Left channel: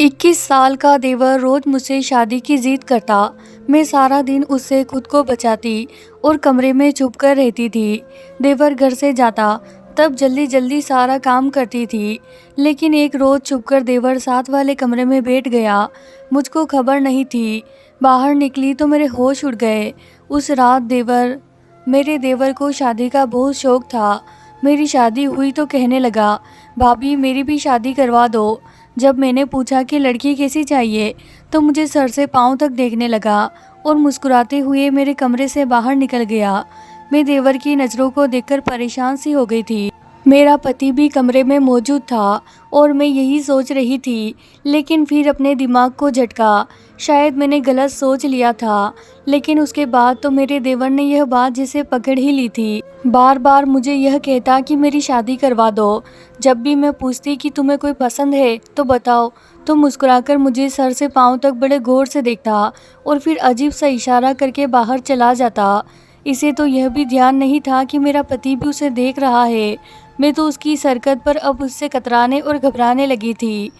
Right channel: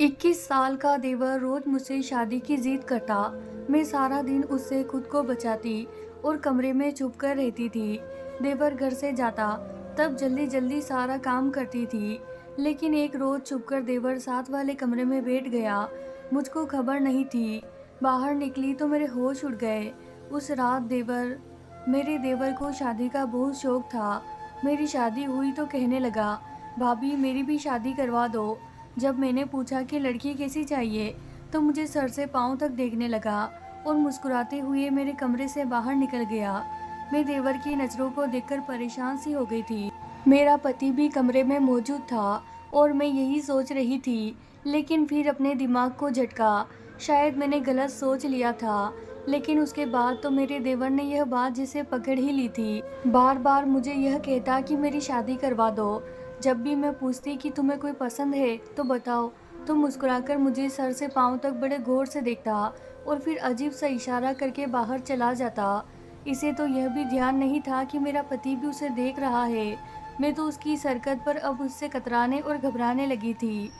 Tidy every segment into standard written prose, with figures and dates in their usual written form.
21 साल का देवर रोज मुझसे शादी की जिद करता। मैं सारा दिन उससे खुद को बचाती और कमरे में चुप कर रहती थी। देवर घर से जाता तब जल्दी जल्दी सारा काम करती थी, लेकिन एक रोज छुपकर देवर साथ वाले कमरे में बैठ गया। मुझको खबर नहीं थी। बाहर निकली तो मेरे होश उड़ गए। उस रात मेरे देवर को शादी का बहुत शौक था। मेरी शादी हुई तो कहने लगा, भाभी मेरी भी शादी करवा दो। जब मैंने पूछा कि लड़की कैसी चाहिए, तो मुझे सर से पाँव तक देखने लगा और मुस्कुराते हुए मेरे कमरे से बाहर निकल गया। मैं देवर की नज़रों को देखकर परेशान सी हो गई थी। मेरा पति भी कमरे में मौजूद था और मैं यही सोच रही थी, लेकिन फिर अपने दिमाग को झटका। शायद मैंने गलत सोच लिया था, लेकिन उसके बाद तो मेरे देवर ने यह बात जिसे पकड़ ही ली थी। बार बार मुझे यह कहता कि मेरी शादी करवा दो। जब भी मैं पूछती कि तुम्हें कोई पसंद है तो बताओ, तो मुस्कुराकर मुझे सर से पाँव तक बड़े गौर से देखता और फिर अजीब सा इशारा करके बाहर चला जाता। इसे तो यह भी ध्यान नहीं था कि मेरा पति भी उसे देख रहा है। मैं तो उसकी इस हरकत पर अब उससे कतराने और घबराने लगी थी।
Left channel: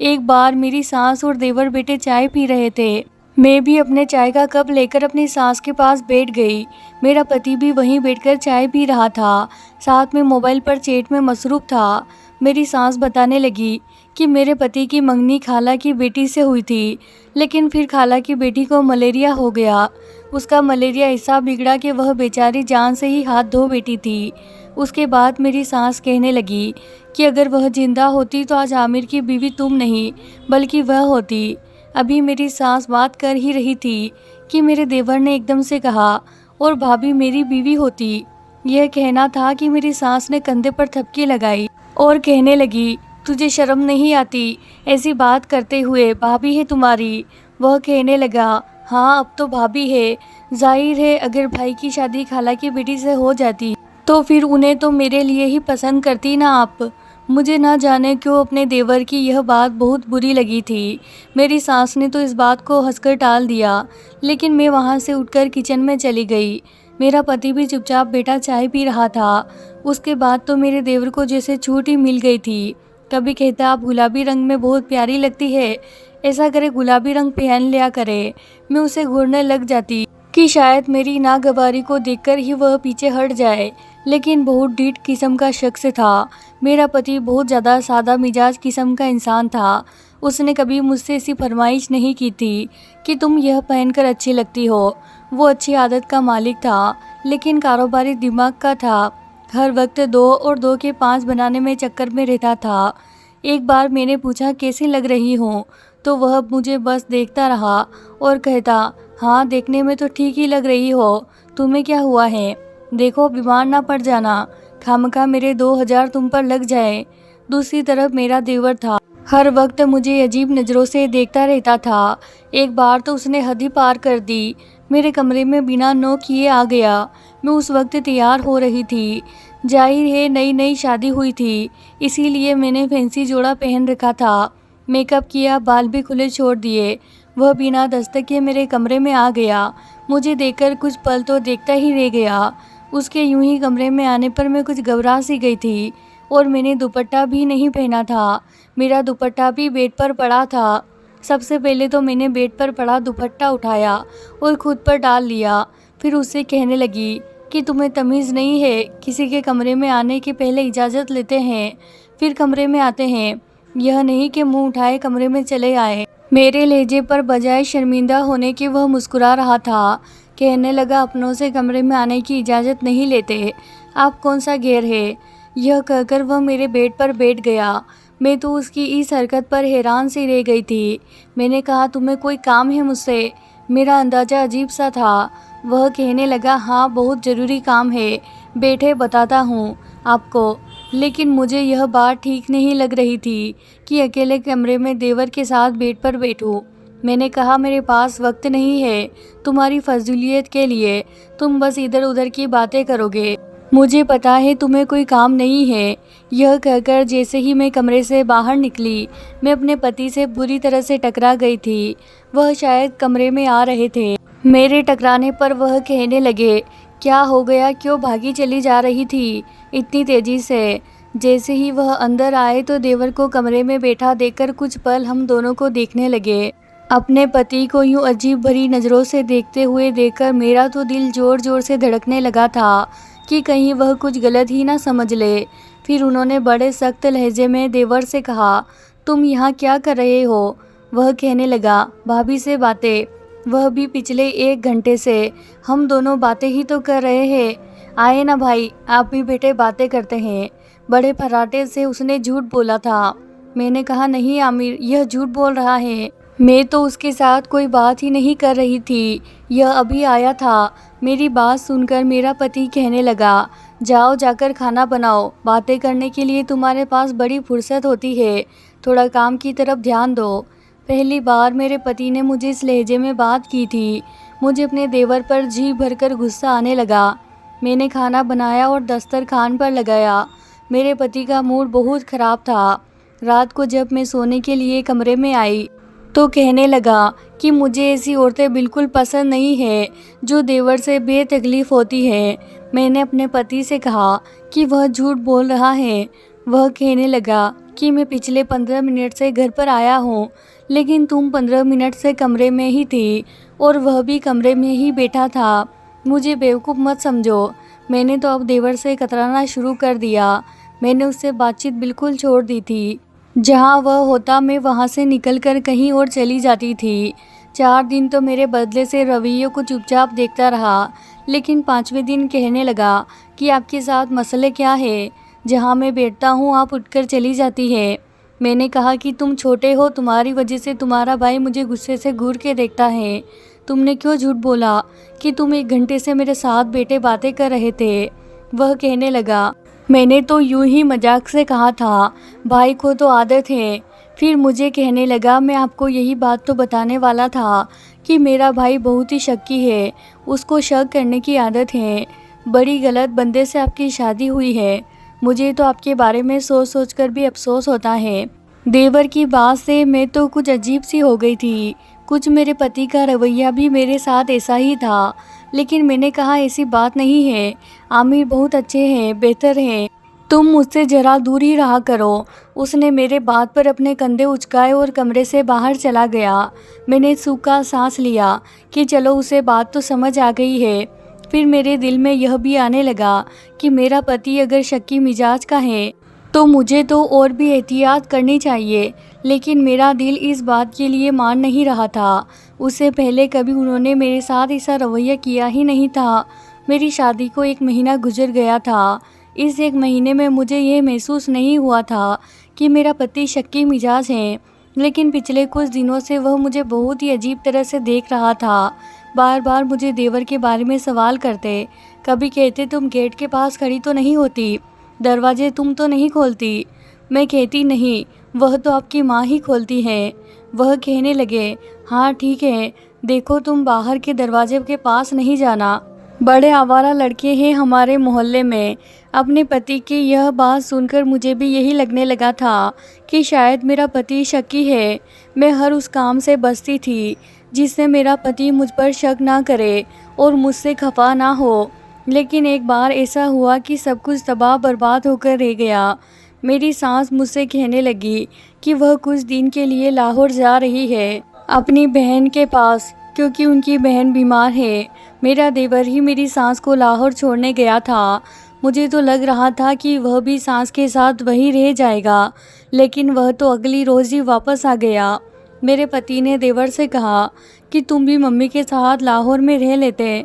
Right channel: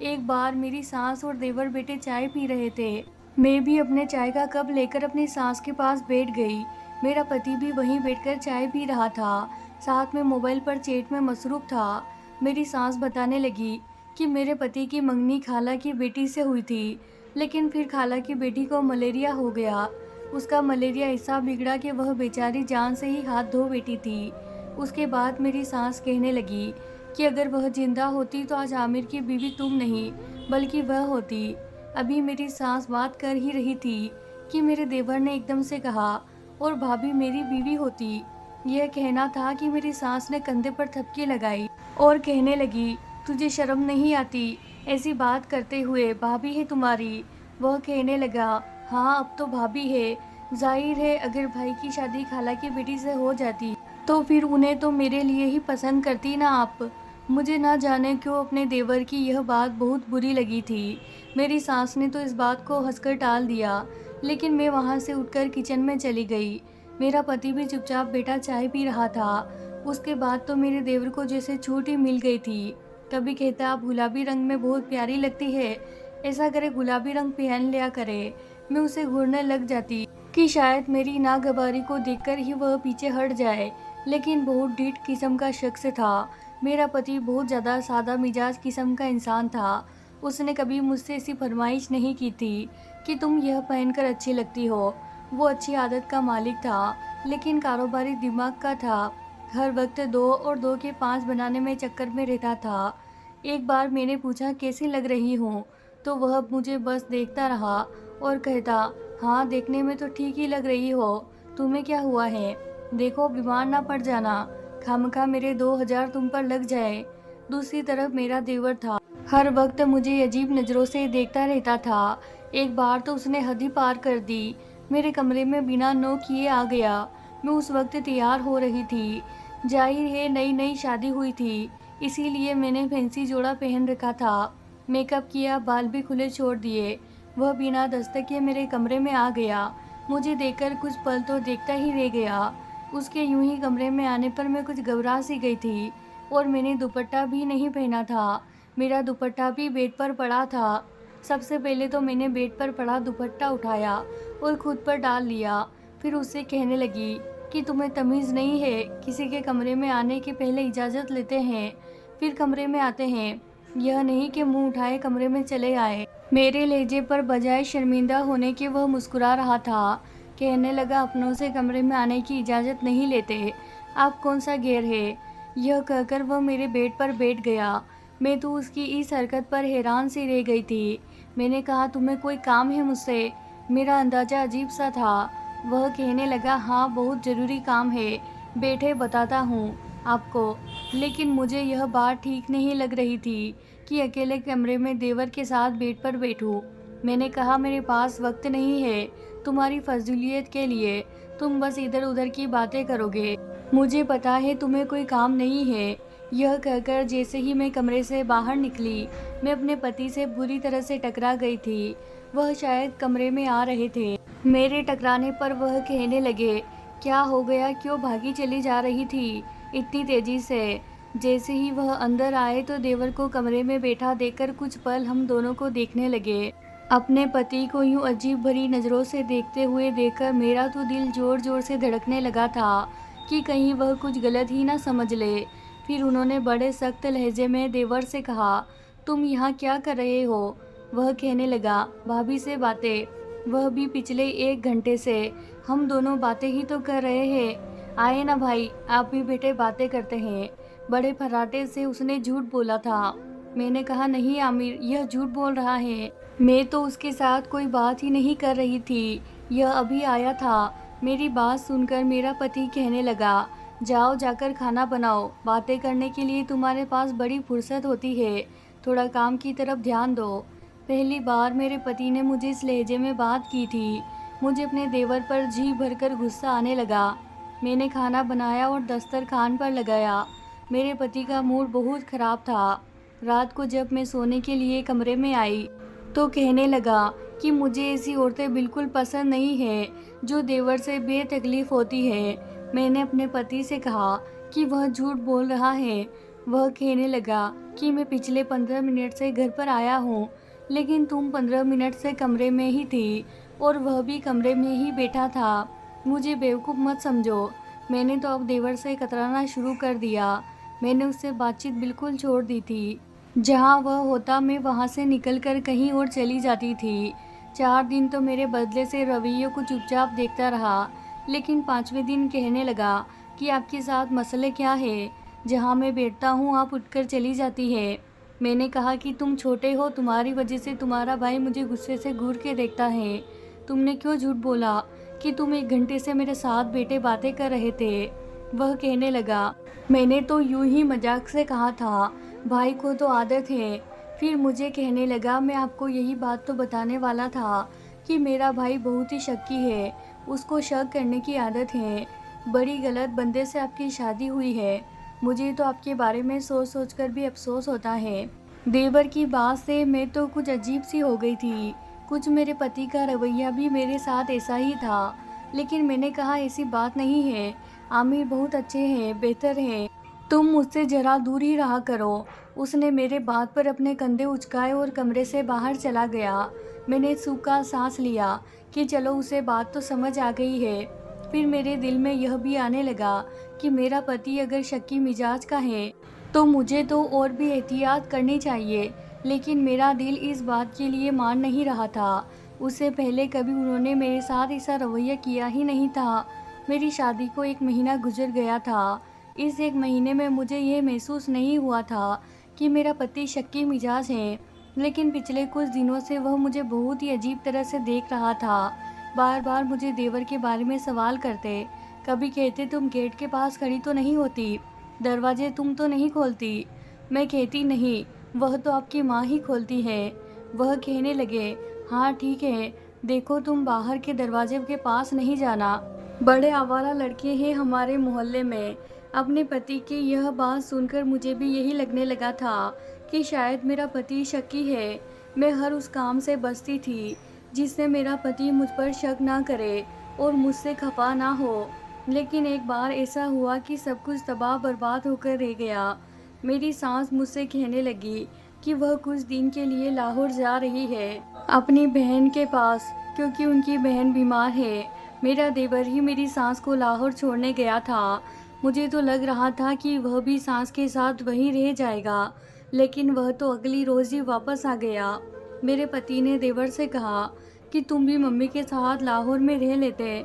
एक बार मेरी सास और देवर बेटे चाय पी रहे थे। मैं भी अपने चाय का कप लेकर अपनी सास के पास बैठ गई। मेरा पति भी वहीं बैठकर चाय पी रहा था, साथ में मोबाइल पर चैट में मसरूफ था। मेरी सास बताने लगी कि मेरे पति की मंगनी खाला की बेटी से हुई थी, लेकिन फिर खाला की बेटी को मलेरिया हो गया। उसका मलेरिया ऐसा बिगड़ा कि वह बेचारी जान से ही हाथ धो बैठी थी। उसके बाद मेरी सास कहने लगी कि अगर वह जिंदा होती तो आज आमिर की बीवी तुम नहीं बल्कि वह होती। अभी मेरी सास बात कर ही रही थी कि मेरे देवर ने एकदम से कहा, और भाभी मेरी बीवी होती। यह कहना था कि मेरी सास ने कंधे पर थपकी लगाई और कहने लगी, तुझे शर्म नहीं आती ऐसी बात करते हुए, भाभी है तुम्हारी। वह कहने लगा, हाँ अब तो भाभी है। जाहिर है अगर भाई की शादी खाला की बेटी से हो जाती तो फिर उन्हें तो मेरे लिए ही पसंद करती ना आप। मुझे ना जाने क्यों अपने देवर की यह बात बहुत बुरी लगी थी। मेरी सास ने तो इस बात को हंसकर टाल दिया, लेकिन मैं वहाँ से उठकर किचन में चली गई। मेरा पति भी चुपचाप बैठा चाय पी रहा था। उसके बाद तो मेरे देवर को जैसे छूट ही मिल गई थी। कभी कहता, आप गुलाबी रंग में बहुत प्यारी लगती है, ऐसा करे गुलाबी रंग पहन लिया करे। मैं उसे घूरने लग जाती कि शायद मेरी नागवारी को देखकर ही वह पीछे हट जाए, लेकिन बहुत ढीठ किस्म का शख्स था। मेरा पति बहुत ज़्यादा सादा मिजाज किस्म का इंसान था। उसने कभी मुझसे ऐसी फरमाइश नहीं की थी कि तुम यह पहनकर अच्छी लगती हो। वो अच्छी आदत का मालिक था, लेकिन कारोबारी दिमाग का था। हर वक्त 2 और 2 के 5 बनाने में चक्कर में रहता था। एक बार मैंने पूछा कैसी लग रही हूँ, तो वह मुझे बस देखता रहा और कहता, हाँ देखने में तो ठीक ही लग रही हो, तुम्हें क्या हुआ है, देखो बीमार ना पड़ जाना, खामखा मेरे 2000 तुम पर लग जाए। दूसरी तरफ मेरा देवर था, हर वक्त मुझे अजीब नज़रों से देखता रहता था। एक बार तो उसने हद ही पार कर दी, मेरे कमरे में बिना नॉक किए आ गया। मैं उस वक्त तैयार हो रही थी। जाहिर है नई नई शादी हुई थी, इसीलिए मैंने फैंसी जोड़ा पहन रखा था। मेकअप किया, बाल भी खुले छोड़ दिए। वह बिना दस्तक के मेरे कमरे में आ गया। मुझे देखकर कुछ पल तो देखता ही रह गया। उसके यूं ही कमरे में आने पर मैं कुछ घबरा सी गई थी, और मैंने दुपट्टा भी नहीं पहना था। मेरा दुपट्टा भी बेड पर पड़ा था। सबसे पहले तो मैंने बेड पर पड़ा दुपट्टा उठाया और खुद पर डाल लिया। फिर उससे कहने लगी कि तुम्हें तमीज़ नहीं है, किसी के कमरे में आने के पहले इजाज़त लेते हैं, फिर कमरे में आते हैं, यह नहीं कि मुंह उठाए कमरे में चले आए। मेरे लहजे पर बजाय शर्मिंदा होने के वह मुस्कुरा रहा था। कहने लगा, अपनों से कमरे में आने की इजाज़त नहीं लेते, आप कौन सा गैर है। यह कहकर वह मेरे बेड पर बैठ गया। मैं तो उसकी इस हरकत पर हैरान सी रह गई थी। मैंने कहा, तुम्हें कोई काम है मुझसे। मेरा अंदाज़ा अजीब सा था। वह कहने लगा, हाँ बहुत ज़रूरी काम है, बैठे बताता हूँ आपको। लेकिन मुझे यह बात ठीक नहीं लग रही थी कि अकेले कमरे में देवर के साथ बेड पर बैठूं। मैंने कहा, मेरे पास वक्त नहीं है तुम्हारी फजूलियत के लिए, तुम बस इधर उधर की बातें करोगे, मुझे पता है तुम्हें कोई काम नहीं है। यह कहकर जैसे ही मैं कमरे से बाहर निकली, मैं अपने पति से बुरी तरह से टकरा गई थी। वह शायद कमरे में आ रहे थे। मेरे टकराने पर वह कहने लगे, क्या हो गया, क्यों भागी चली जा रही थी इतनी तेजी से। जैसे ही वह अंदर आए तो देवर को कमरे में बैठा देखकर कुछ पल हम दोनों को देखने लगे। अपने पति को यूं अजीब भरी नज़रों से देखते हुए देखकर मेरा तो दिल ज़ोर ज़ोर से धड़कने लगा था कि कहीं वह कुछ गलत ही ना समझ ले। फिर उन्होंने बड़े सख्त लहजे में देवर से कहा, तुम यहाँ क्या कर रहे हो? वह कहने लगा, भाभी से बातें। वह भी पिछले 1 घंटे से। हम दोनों बातें ही तो कर रहे हैं। आए ना भाई, आप भी बेटे बातें करते हैं। बड़े फर्राटे से उसने झूठ बोला था। मैंने कहा, नहीं आमिर, यह झूठ बोल रहा है। मैं तो उसके साथ कोई बात ही नहीं कर रही थी, यह अभी आया था। मेरी बात सुनकर मेरा पति कहने लगा, जाओ जाकर खाना बनाओ। बातें करने के लिए तुम्हारे पास बड़ी फुर्सत होती है, थोड़ा काम की तरफ ध्यान दो। पहली बार मेरे पति ने मुझे इस लहजे में बात की थी। मुझे अपने देवर पर जी भरकर गुस्सा आने लगा। मैंने खाना बनाया और दस्तरखान पर लगाया। मेरे पति का मूड बहुत ख़राब था। रात को जब मैं सोने के लिए कमरे में आई तो कहने लगा कि मुझे ऐसी औरतें बिल्कुल पसंद नहीं है जो देवर से बेतकलीफ़ होती है। मैंने अपने पति से कहा कि वह झूठ बोल रहा है। वह कहने लगा कि मैं पिछले 15 मिनट से घर पर आया हूँ, लेकिन तुम 15 मिनट से कमरे में ही थी और वह भी कमरे में ही बैठा था। मुझे बेवकूफ़ मत समझो। मैंने तो अब देवर से कतराना शुरू कर दिया। मैंने उससे बातचीत बिल्कुल छोड़ दी थी। जहाँ वह होता मैं वहाँ से निकलकर कहीं और चली जाती थी। 4 दिन तो मेरे बदले से रवैये को चुपचाप देखता रहा, लेकिन 5वें दिन कहने लगा कि आपके साथ मसले क्या है? जहाँ मैं बैठता हूँ आप उठकर चली जाती है। मैंने कहा कि तुम छोटे हो, तुम्हारी वजह से तुम्हारा भाई मुझे गुस्से से घूर के देखता है। तुमने क्यों झूठ बोला कि तुम 1 घंटे से मेरे साथ बैठे बातें कर रहे थे? वह कहने लगा, मैंने तो यूं ही मजाक से कहा था, भाई को तो आदत है। फिर मुझे कहने लगा, मैं आपको यही बात तो बताने वाला था कि मेरा भाई बहुत ही शक्की है, उसको शक करने की आदत है। बड़ी गलत बंदे से आपकी शादी हुई है। मुझे तो आपके बारे में सोच सोच कर भी अफसोस होता है। देवर की बात से मैं तो कुछ अजीब सी हो गई थी। कुछ मेरे पति का रवैया भी मेरे साथ ऐसा ही था, लेकिन मैंने कहा ऐसी बात नहीं है। आमिर बहुत अच्छे हैं, बेहतर हैं। तुम मुझसे ज़रा दूर ही रहा करो। उसने मेरे बात पर अपने कंधे उचकाए और कमरे से बाहर चला गया। मैंने सूखा सांस लिया कि चलो उसे बात तो समझ आ गई है। फिर मेरे दिल में यह भी आने लगा कि मेरा पति अगर शक्की मिजाज का है तो मुझे तो और भी एहतियात करनी चाहिए, लेकिन मेरा दिल इस बात के लिए मान नहीं रहा था। उससे पहले कभी उन्होंने मेरे साथ ऐसा रवैया किया ही नहीं था। मेरी शादी को 1 महीना गुजर गया था। इस 1 महीने में मुझे ये महसूस नहीं हुआ था कि मेरा पति शक्की मिजाज है, लेकिन पिछले कुछ दिनों से वह मुझे बहुत ही अजीब तरह से देख रहा था। बार बार मुझे देवर के बारे में सवाल करते। कभी कहते, तुम गेट के पास खड़ी तो नहीं होती, दरवाजे तुम तो नहीं खोलती। मैं कहती, नहीं, वह तो आपकी माँ ही खोलती है। वह कहने लगे, हाँ ठीक है, देखो तुम बाहर के दरवाजे के पास नहीं जाना। बड़े आवारा लड़के हैं हमारे मोहल्ले में। अपने पति की यह बात सुनकर मुझे भी यही लगने लगा था कि शायद मेरा पति शक्की है। मैं हर उस काम से बचती थी जिससे मेरा पति मुझ पर शक ना करे और मुझसे खफा ना हो। लेकिन एक बार ऐसा हुआ कि सब कुछ तबाह बर्बाद होकर रह गया। मेरी सास मुझसे कहने लगी कि वह कुछ दिन के लिए लाहौर जा रही है अपनी बहन के पास, क्योंकि उनकी बहन बीमार है। मेरा देवर ही मेरी सास को लाहौर छोड़ने गया था। मुझे तो लग रहा था कि वह भी सास के साथ वहीं रह जाएगा, लेकिन वह तो अगली रोज़ ही वापस आ गया। मेरे पति ने देवर से कहा कि तुम भी मम्मी के साथ लाहौर में रह लेते।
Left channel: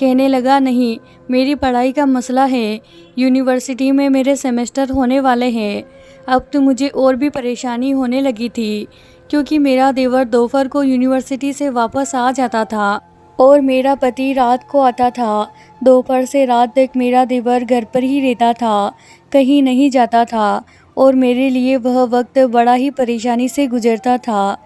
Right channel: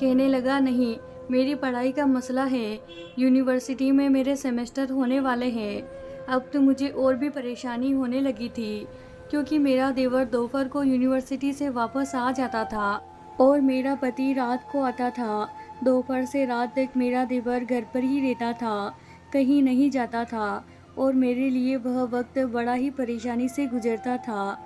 कहने लगा, नहीं, मेरी पढ़ाई का मसला है। यूनिवर्सिटी में मेरे सेमेस्टर होने वाले हैं। अब तो मुझे और भी परेशानी होने लगी थी, क्योंकि मेरा देवर दोपहर को यूनिवर्सिटी से वापस आ जाता था और मेरा पति रात को आता था। दोपहर से रात तक मेरा देवर घर पर ही रहता था, कहीं नहीं जाता था, और मेरे लिए वह वक्त बड़ा ही परेशानी से गुजरता था।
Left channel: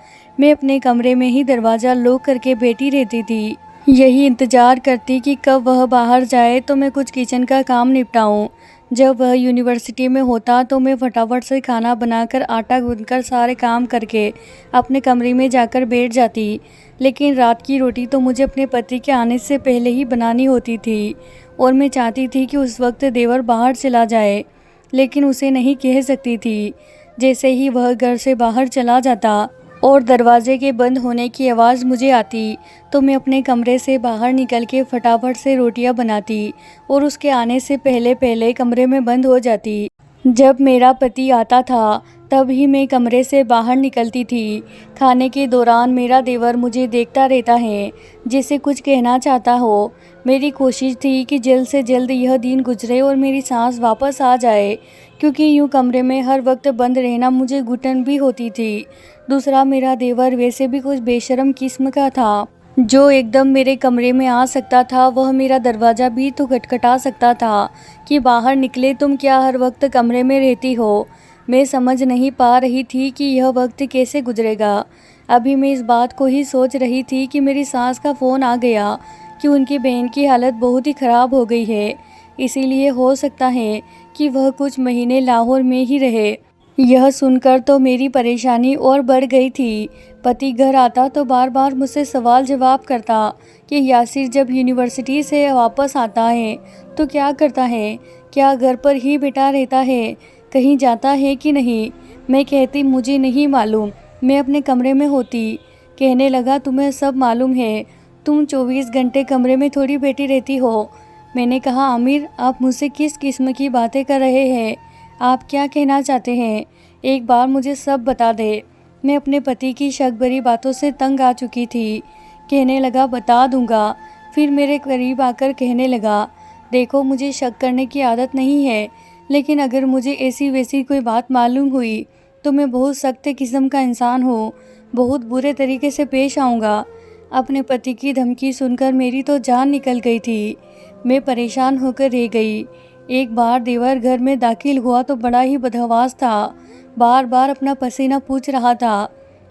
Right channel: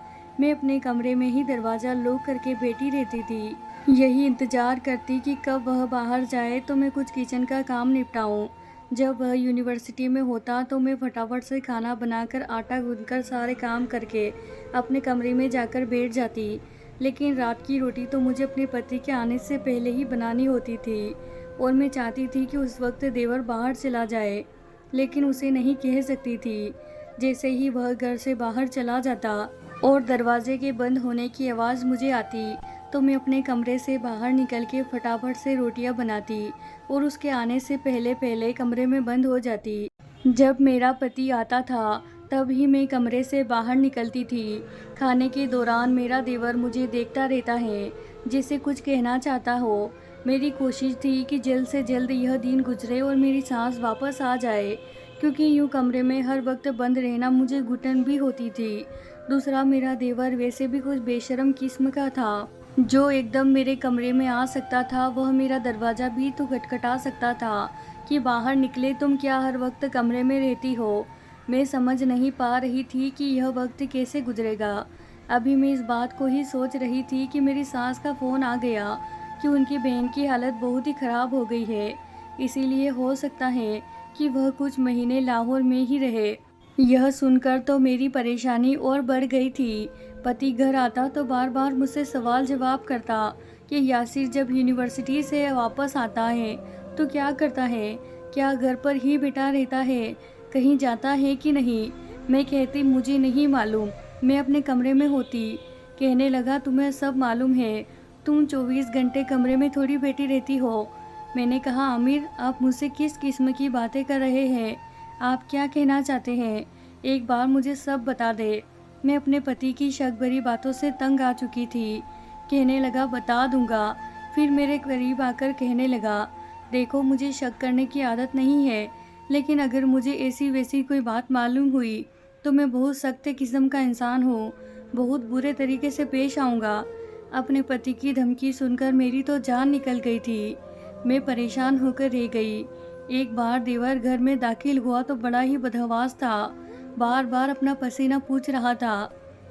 मैं अपने कमरे में ही दरवाज़ा लॉक करके बैठी रहती थी, यही इंतज़ार करती कि कब वह बाहर जाए तो मैं कुछ किचन का काम निपटाऊं। जब वह यूनिवर्सिटी में होता तो मैं फटाफट से खाना बनाकर, आटा गूंथकर, सारे काम करके अपने कमरे में जाकर बैठ जाती। लेकिन रात की रोटी तो मुझे अपने पति के आने से पहले ही बनानी होती थी, और मैं चाहती थी कि उस वक्त देवर बाहर चला जाए। लेकिन उसे नहीं कह सकती थी। जैसे ही वह घर से बाहर चला जाता और दरवाजे के बंद होने की आवाज़ मुझे आती, तो मैं अपने कमरे से बाहर निकल के फटाफट से रोटियां बनाती और उसके आने से पहले पहले कमरे में बंद हो जाती। जब मेरा पति आता था तब ही मैं कमरे से बाहर निकलती थी। खाने के दौरान मेरा देवर मुझे देखता रहता है, जैसे कुछ कहना चाहता हो। मेरी कोशिश थी कि जल्द से जल्द यह दिन गुजरे और मेरी सांस वापस आ जाए, क्योंकि यूं कमरे में हर वक्त बंद रहना मुझे घुटन भी होती थी। दूसरा, मेरा देवर वैसे भी कुछ बेशर्म किस्म का था, जो एकदम मेरे कमरे में आ सकता था। वह मेरा दरवाज़ा भी तो खटखटा सकता था कि बाहर निकले, तुम क्या हर वक्त कमरे में रहती हो। मैं समझ नहीं पा रही थी कि यह वक्त कैसे गुजरेगा। अभी मैं इस बात को ही सोच रही थी कि मेरी सास का फ़ोन आ गया कि उनकी बहन की हालत बहुत ही ख़राब हो गई है, इसीलिए हो सकता है कि वह कुछ महीने लाहौर में ही रहे। यह सुनकर तो मेरी परेशानी और बढ़ गई थी। पति घर आता तो बार बार मुझसे सवाल जवाब करता कि यासिर जब यूनिवर्सिटी से वापस आता है तो क्या करता है, क्या घर पर ही बैठा रहता है, कहीं जाता है कि नहीं। मैं कहती मुझे नहीं मालूम, मैं अपने कमरे में होती। कहने लगा तुम्हें सब मालूम है, तुम 24 घंटे कमरे में थोड़ी बैठी रहती हो। मैंने कहा आमिर, आप मुझसे किस किस्म की बातें कर रहे हैं, आप क्या कहना चाहते हैं, एक बार मुझे सब बता दे। मैं अपने पति की शक भरी बातों से तंग आ चुकी थी। कहने लगा बता दूंगा। फिर मेरे करीब आकर कहने लगा, देखो मुझे शक करने की आदत नहीं है, लेकिन अगर मुझे ऐसी वैसी कोई बात मालूम हुई तो मैं बहुत सख्त किस्म का इंसान हूँ, बहुत बुरे तरीके से पेश आऊँगा। अपने पति की धमकी सुनकर मेरी तो जान निकल गई थी। मैं परेशान होकर रह गई। एक बार देवर घर में दाखिल हुआ तो बड़ा ही बदहवास था, बार बार अपना पसीना पूछ रहा था।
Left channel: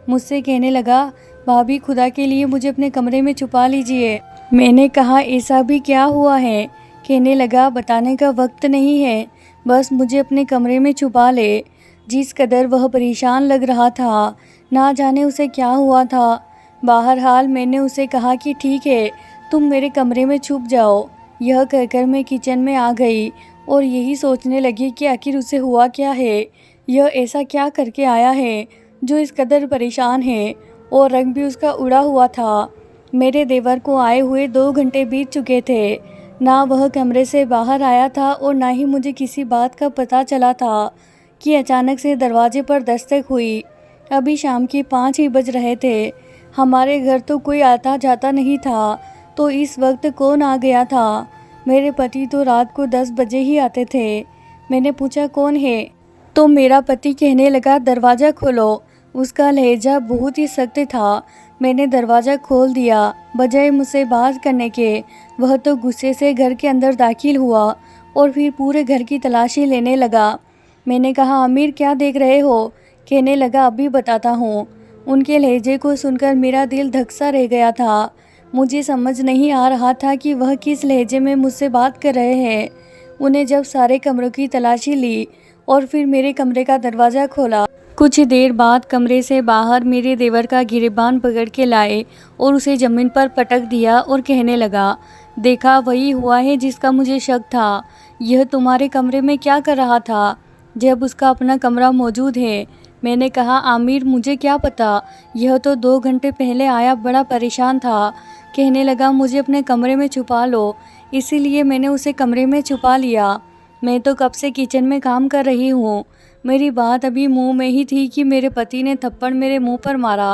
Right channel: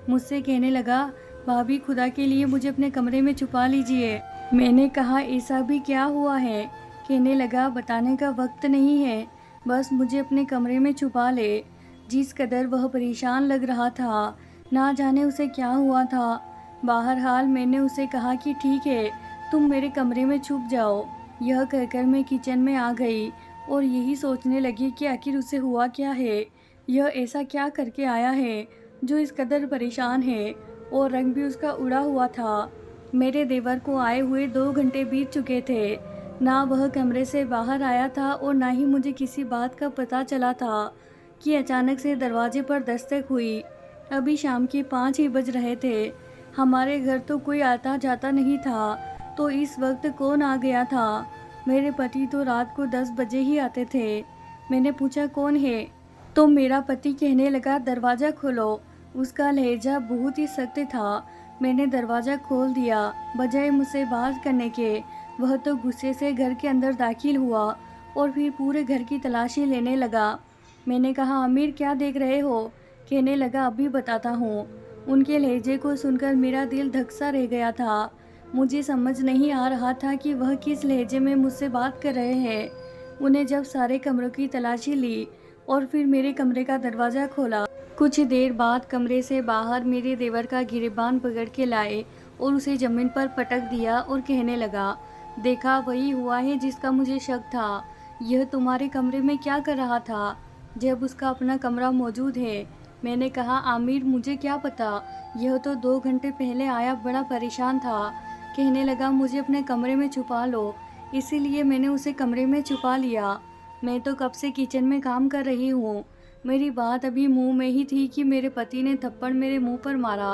मुझसे कहने लगा, भाभी खुदा के लिए मुझे अपने कमरे में छुपा लीजिए। मैंने कहा ऐसा भी क्या हुआ है। कहने लगा बताने का वक्त नहीं है, बस मुझे अपने कमरे में छुपा ले। जिस कदर वह परेशान लग रहा था, ना जाने उसे क्या हुआ था। बहरहाल मैंने उसे कहा कि ठीक है, तुम मेरे कमरे में छुप जाओ। यह कहकर मैं किचन में आ गई और यही सोचने लगी कि आखिर उसे हुआ क्या है, यह ऐसा क्या करके आया है जो इस कदर परेशान है। और रंग भी उसका उड़ा हुआ था। मेरे देवर को आए हुए 2 घंटे बीत चुके थे। ना वह कमरे से बाहर आया था और ना ही मुझे किसी बात का पता चला था कि अचानक से दरवाजे पर दस्तक हुई। अभी शाम के 5 ही बज रहे थे। हमारे घर तो कोई आता जाता नहीं था, तो इस वक्त कौन आ गया था। मेरे पति तो रात को 10 बजे ही आते थे। मैंने पूछा कौन है, तो मेरा पति कहने लगा दरवाज़ा खोलो। उसका लहजा बहुत ही सख्त था। मैंने दरवाज़ा खोल दिया। बजाय मुझसे बात करने के, वह तो गुस्से से घर के अंदर दाखिल हुआ और फिर पूरे घर की तलाशी लेने लगा। मैंने कहा आमिर क्या देख रहे हो। कहने लगा अभी बताता हूँ। उनके लहजे को सुनकर मेरा दिल धक सा रह गया था। मुझे समझ नहीं आ रहा था कि वह किस लहजे में मुझसे बात कर रहे हैं। उन्हें जब सारे कमरों की तलाशी ली और फिर मेरे कमरे का दरवाज़ा खोला। कुछ देर बाद कमरे से बाहर मेरे देवर का गिरेबान पकड़ के लाए और उसे ज़मीन पर पटक दिया और कहने लगा, देखा वही हुआ है जिसका मुझे शक था। यह तुम्हारे कमरे में क्या कर रहा था जब उसका अपना कमरा मौजूद है। मैंने कहा आमिर मुझे क्या पता, यह तो 2 घंटे पहले आया, बड़ा परेशान था। कहने लगा मुझे अपने कमरे में छुपा लो, इसीलिए मैंने उसे कमरे में छुपा लिया। मैं तो कब से किचन में काम कर रही हूँ। मेरी बात अभी मुंह में ही थी कि मेरे पति ने थप्पड़ मेरे मुंह पर मारा।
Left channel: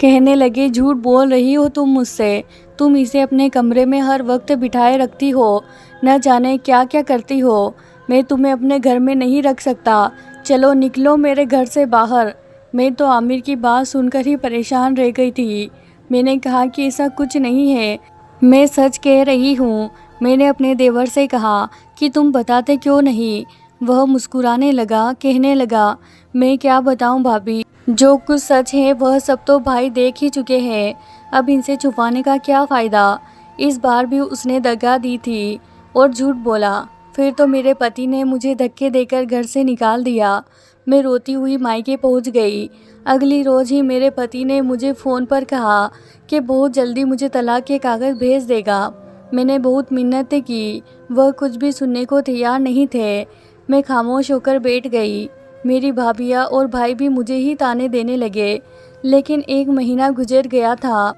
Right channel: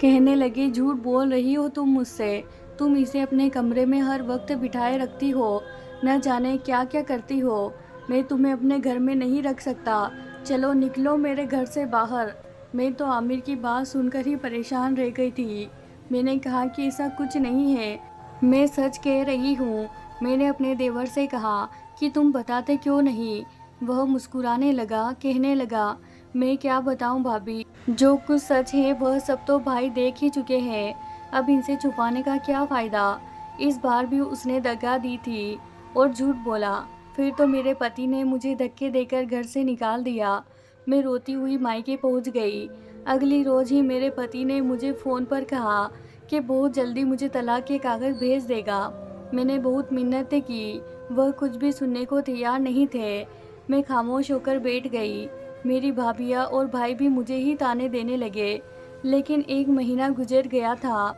कहने लगे झूठ बोल रही हो तुम मुझसे, तुम इसे अपने कमरे में हर वक्त बिठाए रखती हो, न जाने क्या क्या करती हो। मैं तुम्हें अपने घर में नहीं रख सकता, चलो निकलो मेरे घर से बाहर। मैं तो आमिर की बात सुनकर ही परेशान रह गई थी। मैंने कहा कि ऐसा कुछ नहीं है, मैं सच कह रही हूँ। मैंने अपने देवर से कहा कि तुम बताते क्यों नहीं। वह मुस्कुराने लगा, कहने लगा मैं क्या बताऊं भाभी, जो कुछ सच है वह सब तो भाई देख ही चुके हैं, अब इनसे छुपाने का क्या फ़ायदा। इस बार भी उसने दगा दी थी और झूठ बोला। फिर तो मेरे पति ने मुझे धक्के देकर घर से निकाल दिया। मैं रोती हुई मायके पहुंच गई। अगली रोज़ ही मेरे पति ने मुझे फ़ोन पर कहा कि बहुत जल्दी मुझे तलाक के कागज़ भेज देगा। मैंने बहुत मिन्नतें की, वह कुछ भी सुनने को तैयार नहीं थे। मैं खामोश होकर बैठ गई। मेरी भाभियाँ और भाई भी मुझे ही ताने देने लगे। लेकिन 1 महीना गुजर गया था।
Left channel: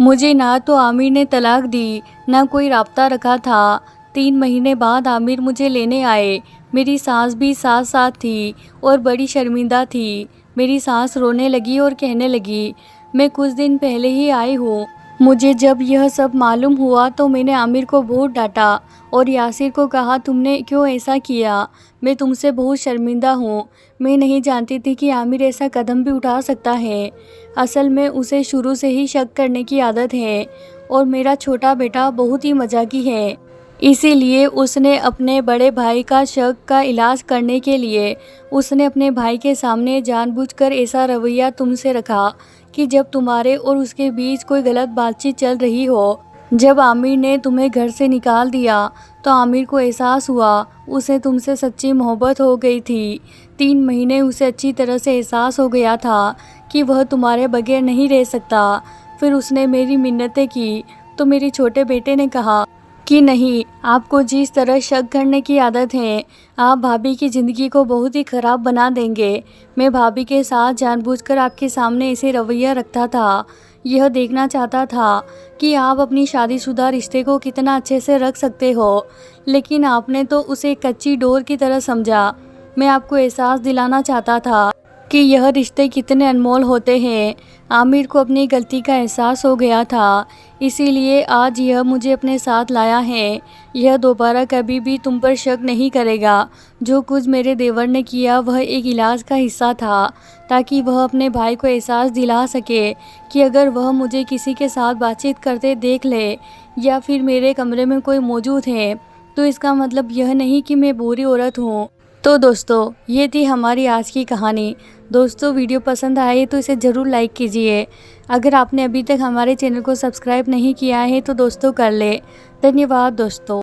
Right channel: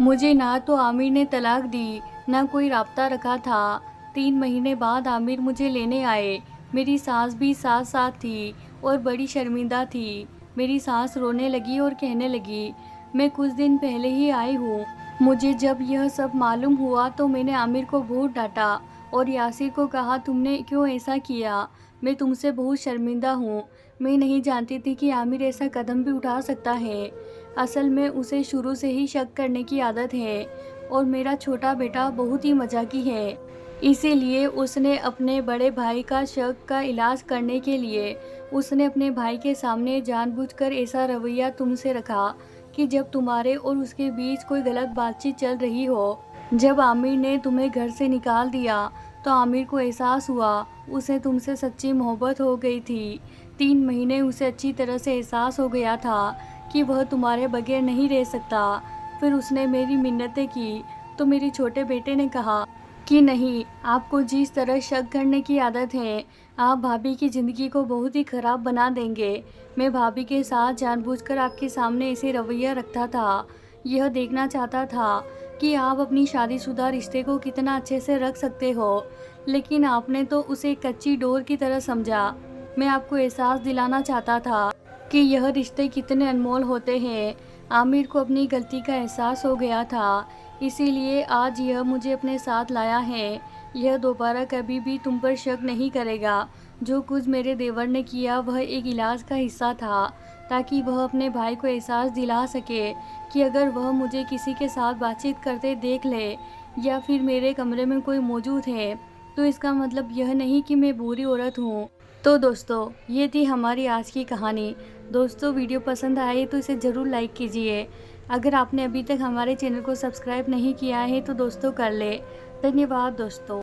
मुझे ना तो आमिर ने तलाक दी, ना कोई राब्ता रखा था। 3 महीने बाद आमिर मुझे लेने आए। मेरी सास भी साथ साथ थी और बड़ी शर्मिंदा थी। मेरी सास रोने लगी और कहने लगी, मैं कुछ दिन पहले ही आई हूँ। मुझे जब यह सब मालूम हुआ तो मैंने आमिर को बहुत डांटा और यासिर को कहा, तुमने क्यों ऐसा किया? मैं तुमसे बहुत शर्मिंदा हूँ। मैं नहीं जानती थी कि आमिर ऐसा कदम भी उठा सकता है। असल में उसे शुरू से ही शक करने की आदत है और मेरा छोटा बेटा बहुत ही मजाकी है। इसीलिए उसने अपने बड़े भाई का शक का इलाज करने के लिए उसने अपने भाई के सामने जानबूझकर ऐसा रवैया तुमसे रखा कि जब तुम्हारे और उसके बीच कोई गलत बातचीत चल रही हो। जब आमिर ने तुम्हें घर से निकाल दिया तो आमिर को एहसास हुआ उसे तुमसे सच्ची मोहब्बत हो गई थी। 3 महीने उसे अच्छी तरह से एहसास हो गया था कि वह तुम्हारे बगैर नहीं रह सकता। फिर उसने मेरी मिन्नतें की तो मेरे छोटे बेटे ने कहा कि नहीं, आपको जिस तरह शक करने की आदत है, आप भाभी की ज़िंदगी को बहुत ही ख़राब बना देंगे। मैं भाभी के साथ जानबूझकर आपके सामने ऐसे रवैया रखता था। यह देखना चाहता था कि आप अपनी शादीशुदा रिश्ते को कितना अच्छे से रख सकते हो, लेकिन आपने तो उसे कच्ची डोर की तरह समझा। मैं आपको एहसास दिलाना चाहता था कि यह रिश्ते कितने अनमोल होते हैं। आमिर को अपनी गलती का एहसास हो गया था, इसीलिए आज यह मुझे अपने साथ लाया है। यह दोबारा कभी भी तुम पर शक नहीं करेगा। जो कुछ मेरे देवर ने किया वह एक इलाज का हिस्सा था, ताकि वह अपने भाई को एहसास दिला सके कि अगर वह मुझे किसी के साथ बातचीत करते देख ले या फिर मेरे कमरे में कोई मौजूद है तो इसका मतलब यह नहीं कि मैं बुरी औरत हूँ। तो दोस्तों, ये थी हमारी आज की कहानी। दोस्तों, वीडियो पसंद आए तो इसे ज़रूर लाइक कीजिए। अगर आपने अभी तक हमारे चैनल को सब्सक्राइब नहीं किया है तो दोस्तों कर ले। धन्यवाद दोस्तों।